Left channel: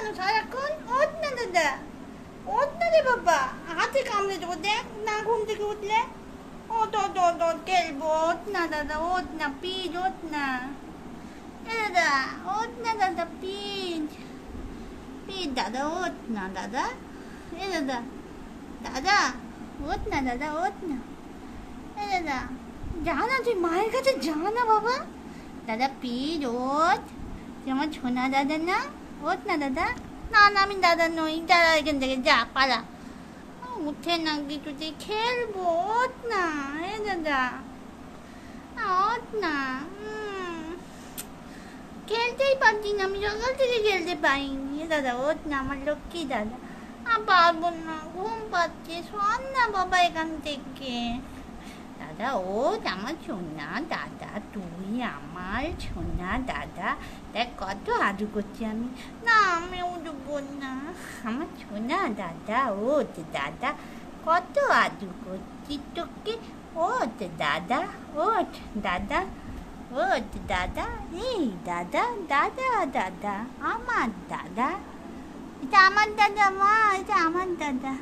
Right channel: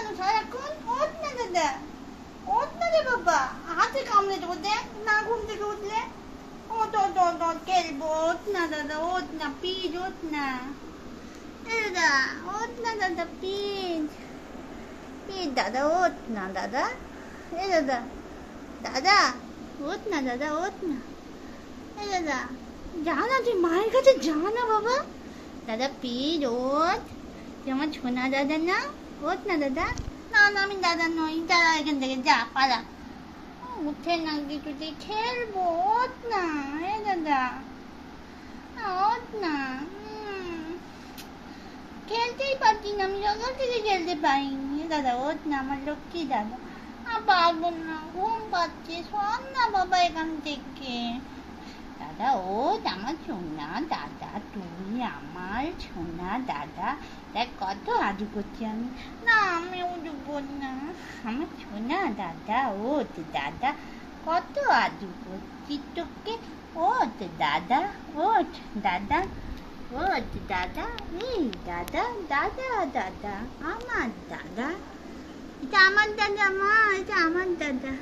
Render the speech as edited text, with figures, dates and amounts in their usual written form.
কেন সারাক্ষণ? ওঠ না দাদা, ওঠ না রে বাবা, হাতে কামড়ে দেবো, দেখ না ঘুম থেকে উঠলে। ওঠ ওঠ ওঠ ওঠ, খেলবো, ওঠ না দাদা, ওঠ না প্লিজ, ওঠ না। এ দাদা, ওঠ না দাদা প্লিজ, প্লিজ দাদা, ওঠ না দাদা। এ দাদা, দাদা ওঠ না দাদা, ওঠ না। এ দাদা, যা না, তুই মায়ের কাছে যা না বাবা। দাদা প্লিজ ওঠ, তুই আমার ছোনা দাদা না, ওঠ না দাদা। না না, আমি দাদা নই, দাদা এখান থেকে যা, পালা। উঠে না কিছুতে, খেলবো, ওঠ না। এ দাদা, ওঠ না। খেলতেই পারছি না, আমি সকাল থেকে খেলতে পারিনি। এ দাদা ওঠ না, আমার লক্ষ্মী দাদা। পারবো না, ঘুম পাচ্ছে, শোন না বাবা এখান থেকে। দাদা ওঠ, আমার সোনা দাদা, তুই আমার সোনা দাদা। দেখ কত আদু করছি আমি। না আমি উঠবো না, আমার সোনা দাদা, ওঠ দাদা, কত আদু করছি তোকে। ওঠ দাদা, ওঠ দাদা, ওঠ দাদা। এই দাদা, দাদা দাদা, আমার দাদা, এটা আমার দাদা মা, এটা আমার দাদা।